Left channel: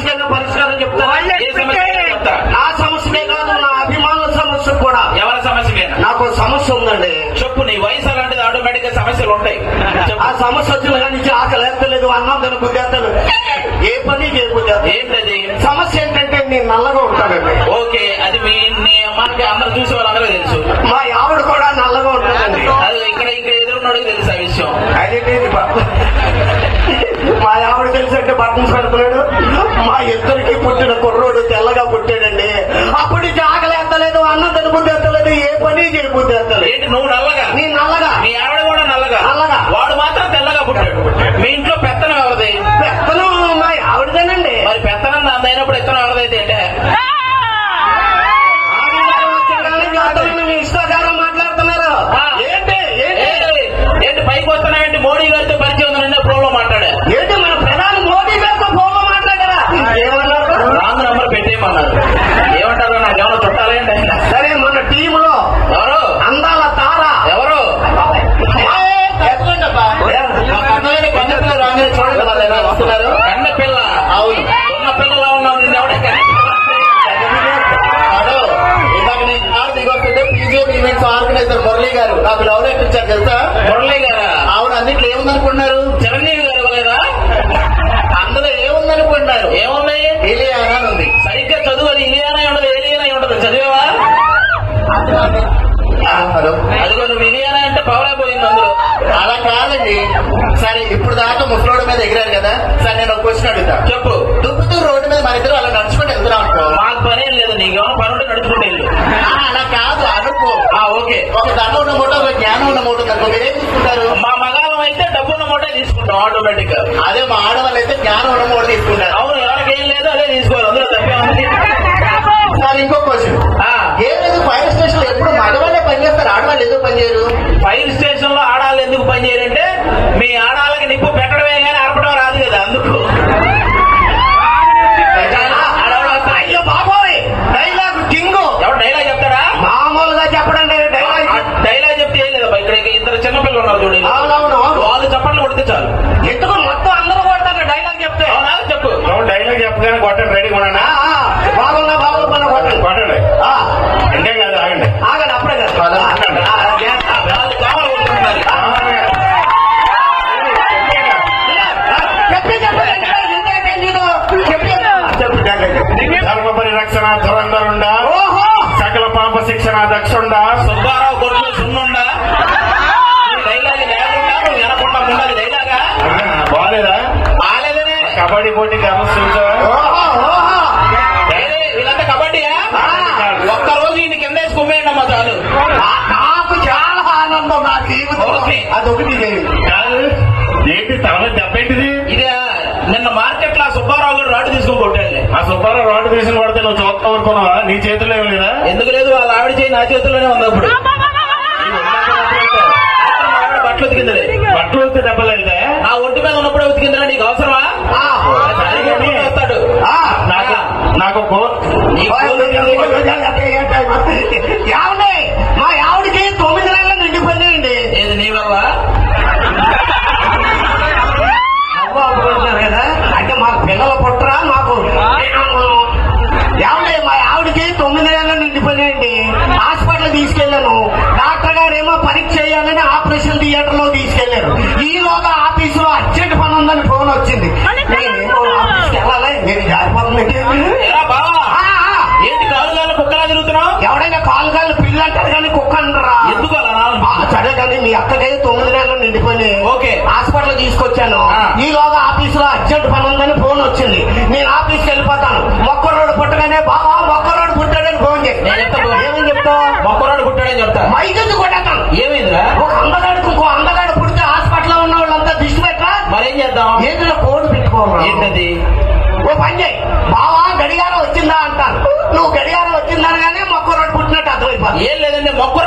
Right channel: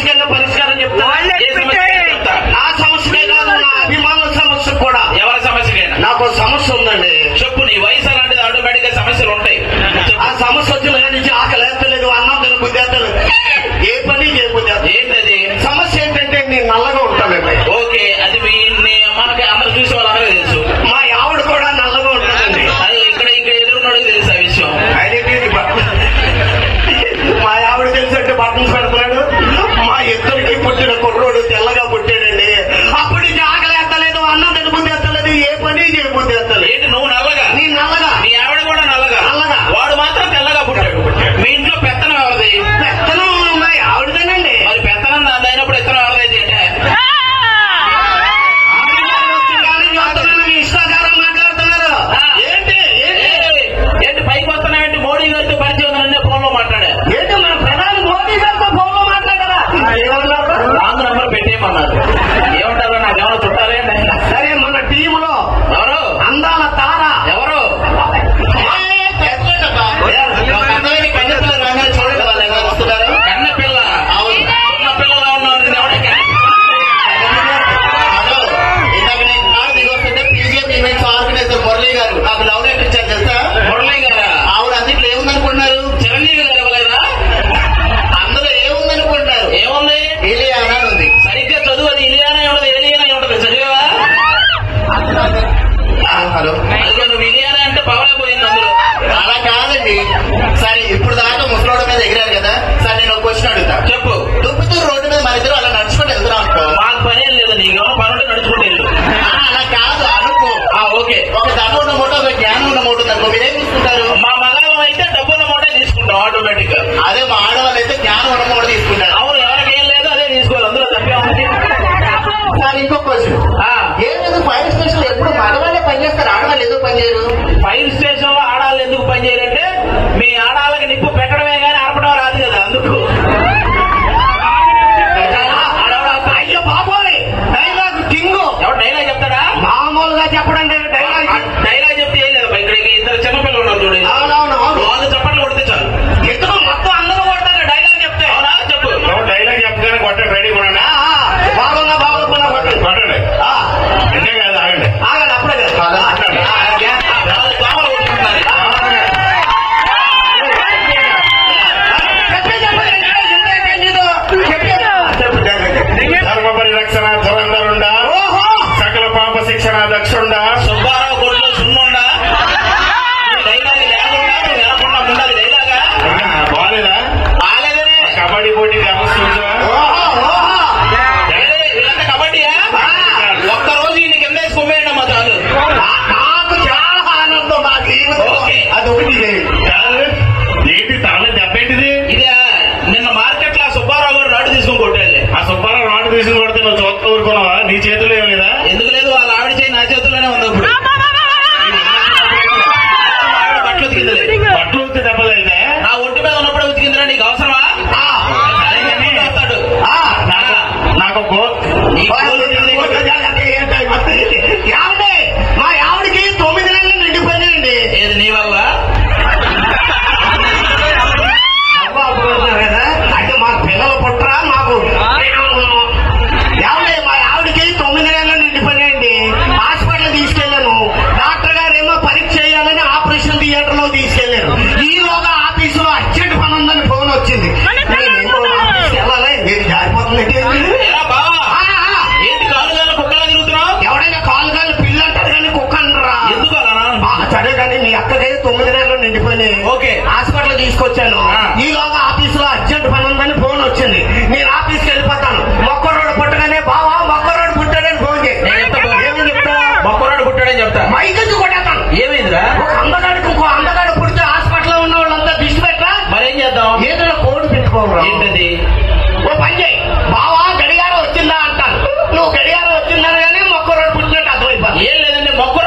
సమస్యకైనా పరిష్కారం చెప్తావా? ఏ సమస్య చెప్తా? నా సమస్యకే కాదు, నా అభిమానుల సమస్య కూడా. ఎవరి సమస్యకైనా నాకు సమస్య ఉందండి. చెప్పు. నీ వయసు అలాంటిది, ఆటోమేటిక్ గా సమస్యలు ఉంటాయి. ఆ సమస్య వచ్చిన కానీ ఆకలి ఎత్తలేదు, అన్నం తినబుద్ధేత్తలేదు, ఏ పని చేయబుద్ధేత. ఏంటది సమస్య? ఏంటంటే నేను నల్లగా ఉంటానండి. ఓకే, అది మనకి అందరు చూసే వాళ్ళందరూ తెలుసు. మా ఆవిడ కూడా నల్లగా ఉంటుందండి. అది ఇక్కడ ఇంకా ఎదురున్నాడు తెలుసు ఆ విషయం. మా ఆవిడ తెలిసి బట్టన్స్ పెడుతున్నాడు. మా ఇద్దరికి పుట్టిన కుర్రోడు తెల్లగా పుట్టాడండి. అప్పుడు ఆకలి ఎత్తలేదు, అన్నం తినబుద్ధి ఎత్తలేదు, ఏ పని చేయబుద్ధి ఎత్తలేదు. ఏంటి నువ్వు నల్లగా? నీ నల్లగా. మీ ఆవిడ కూడా నల్లగా? నల్లగా. వాడు మాత్రం తెల్లగా పుట్టాడు. మీ ఇంట్లో పెత్తనం ఎవరిది? పెత్తనం మా ఆవిడదేనండి. మరి పెత్తనం దానిప్పుడు ఎత్తనం ఎవరిదైతే అంటే ఇష్టాచారం మాట్లాడుతున్నారు. ఏంటి ఏంటి పైకి వస్తున్నాయంటే మోడీ గారితో పరిచయం ఉందన్న ఫోన్ లో మాట్లాడా. ఏంటి మన ప్రధాని మోదీ గారితో ఫోన్ లో మాట్లాడారా? నాన్న పెట్టేయమన్నారు. ఏమంటారు? నా గమనం చుట్టాలే. సరే, మన టీంలో ఎవరు అందాల తార ఎవరు? కన్నపిల్ల. ఉన్న పిల్లలు ఆర్గనైజర్ మురళి గారు నాకు లవ్ లెటర్ ఇచ్చారు తెలుసా? మురళి గారు ఆవిడ అందులో ఏముందనుకుంటున్నారు? చిరంజీవి గారు ఇవ్వలేదా? అందులో ఏముందనుకుంటున్నారు? ఏముంది? ఏలియానా ఉంది. సరిగ్గా చదువు. అది ఇలియానా ఉండదు, ఏలియానా ఉండదు. చదివేవా? హలో, అదిగో నువ్వు ఇలియానా అంటే పవలా పోయింది అందులో. అలా కాదండి. సరే, ఇప్పుడు దాకా ముసలోడ మీద ఎగిరారు కదా సార్, నేను ఒక క్వశ్చన్ అడుగుతా. చెప్పు. దుబ్బుతూ రోడ్డు మీద మన ఇద్దరు అలా నడుచుకుంటూ వెళ్తున్నాం అనుకో. మాకు పని ఏం లేదు, నీకు పనులు నడుచుకుంటే వెళ్ళు. అలా కాదు అనుకో. ఓకే. ఒక ధనం ఉన్న మూట, ఒక జ్ఞానం ఉన్న మూట ఉందనుకో, మీరేం తీసుకుంటారు? మా మగాళ్ళు అయితే డబ్బున్న మూట తీసుకుంటాం ఆటోమేటిక్ గా. అదే మా ఆడవాళ్ళు అయితే జ్ఞానం ఉన్న మూట తీసుకుంటారు. అవును, ఎవరికి ఏం లేదు అదే తీసుకోవాలి. అందులో తప్పేముంది? సార్, ఇంకో క్వశ్చన్. ఏమైంది ఫైర్ స్టేషన్ ఎప్పుడు మగవాళ్ళే పనిచేస్తారు, ఆడవాళ్ళు ఎందుకు పనిచేయరు? ఫైర్ స్టేషన్ లో ఆడాలి ఎందుకు పనిచేయాలంటే మీ ఆడాలకి నిప్పు పెట్టడమే కానీ ఆర్పడం రాదు కదా, అందుకు. అయ్యో బాబోయ్, డైలాగ్ కింగు. ఎవరు డైలాగ్ చెప్తారా? మామూలుగా చెప్పడండి డైలాగ్. డైలాగ్ చెప్తే ఏం లేదు. ఇక్కడ ఇద్దరు చిన్నపిల్లలు ఉన్నారు చూడండి, అవునవును. వాళ్ళు చప్పట్లు కొడితే చాలు. ఇద్దరు మొత్తం అందరూ కొడతారు డైలాగ్ చెప్తే. అవునా? చెప్పు. డైలాగ్ చెప్పగానే కొట్టండి. రెడీ కొనండి. బాగున్నా బాగున్నా కొట్టండి. కొట్టండి. అంటే కాదు, ఆగండి. ఆగండి, అప్పుడే ధర్మ పరిరక్షణ ధురంధరుండ, సకల పాప శిక్షణ దక్షుండ, సుబ్బారావు కొడుకు సున్నుండ. బాలేదా? బాలేదనే కబడ్డీ పోటీకి అమర్చించా. వీళ్ళంతా కబడ్డీయా? ఒక్కరోజు ఈ కింద వేసుకోండి అమ్మా చాలు. నాకు చాలా ఆనందం. మా జీవితం కాదు ఏంటి తల దెబ్బేంటిది? ఇదే నిన్న మార్కెట్ లో సుబ్బారావు గారు రాడు తీసుకుని కొట్టాలి. ఆ సుబ్బారావు రాడు తీసుకుని కొడితే నువ్వు చూస్తా ఊరుకున్నావా? నీ చేతుల్లో ఏమి లేదా? ఎందుకు లేదు? వాళ్ళ ఆవిడ చేయి నా చేతుల్లోనే ఉంది. అప్పుడు బట్టలు ఉతికిందలే. బట్టలు ఉతికి దెబ్బలైతే నా ఒంటి మీద ఉన్నప్పుడే ఉతికిందిరా. నీకు అవసరమా? వస్తాడు నాకు మా ఆవిడకి 9 నెలలు నిండిపోయినాయండి. ఏది నీ వల్ల? కదా అంటే మా పిల్లలు పుట్టరా నాకు. మా ఆవిడకి 9 నెలలు నిండిపోయినాయండి. హాస్పిటల్ తీసుకెళ్లాను. డాక్టర్ గారేమో పరీక్ష చేయాలని ఆపరేషన్ థియేటర్ లో తీసుకెళ్లారు. ఈలోగా ఆఫీసులో అర్జెంట్ పని ఉందని ఫోన్ వచ్చింది. నేనేమో ఆఫీస్కి వెళ్ళాలి, నేను జారిపోతున్నట్టు. ఏంటి కాలుగాలు కుక్కలా తిరుగుతున్నావు? ఎవడైనా కాలుగాలు పిల్లి అంటారు కానీ కుక్క అంటారా? ఎందుకు అలా? సరే కానీ మీ అక్కడే 9 నెలలు నిండిపోయినాయి. ఓకే. హాస్పిటల్ తీసుకొచ్చాను. ఈలోగా ఆఫీసులో అర్జెంట్ పని ఉందని ఫోన్ వచ్చింది. నేను ఆఫీస్కి వెళ్ళిపోతాను. మొక్కరోడు పుట్టగానే బావా మొక్కరోడు పుట్టాడని ఫోన్ చేయి. ఏమని చెప్తా? మొక్కరోడు పుట్టాడని చెప్తా. మైకెందు కొట్టేస్తాను. ఏమైందిరా? ఒక అందగాడు పుడితే హాస్పిటల్లో ఉన్న వాళ్ళంతా దిష్టి పెట్టరా? మరేం చేద్దాం? ఏదైనా కోడ్ పెట్టుకోవాలి. ఏంటది? ఓ పని చేయి, బావా గడియారం వచ్చిందా అంటాను. నువ్వు గడియారం వచ్చిందని కానీ మొక్కరోడు పుట్టినట్టు అర్థమైపోతుంది. ఏం లేదంటే మొక్క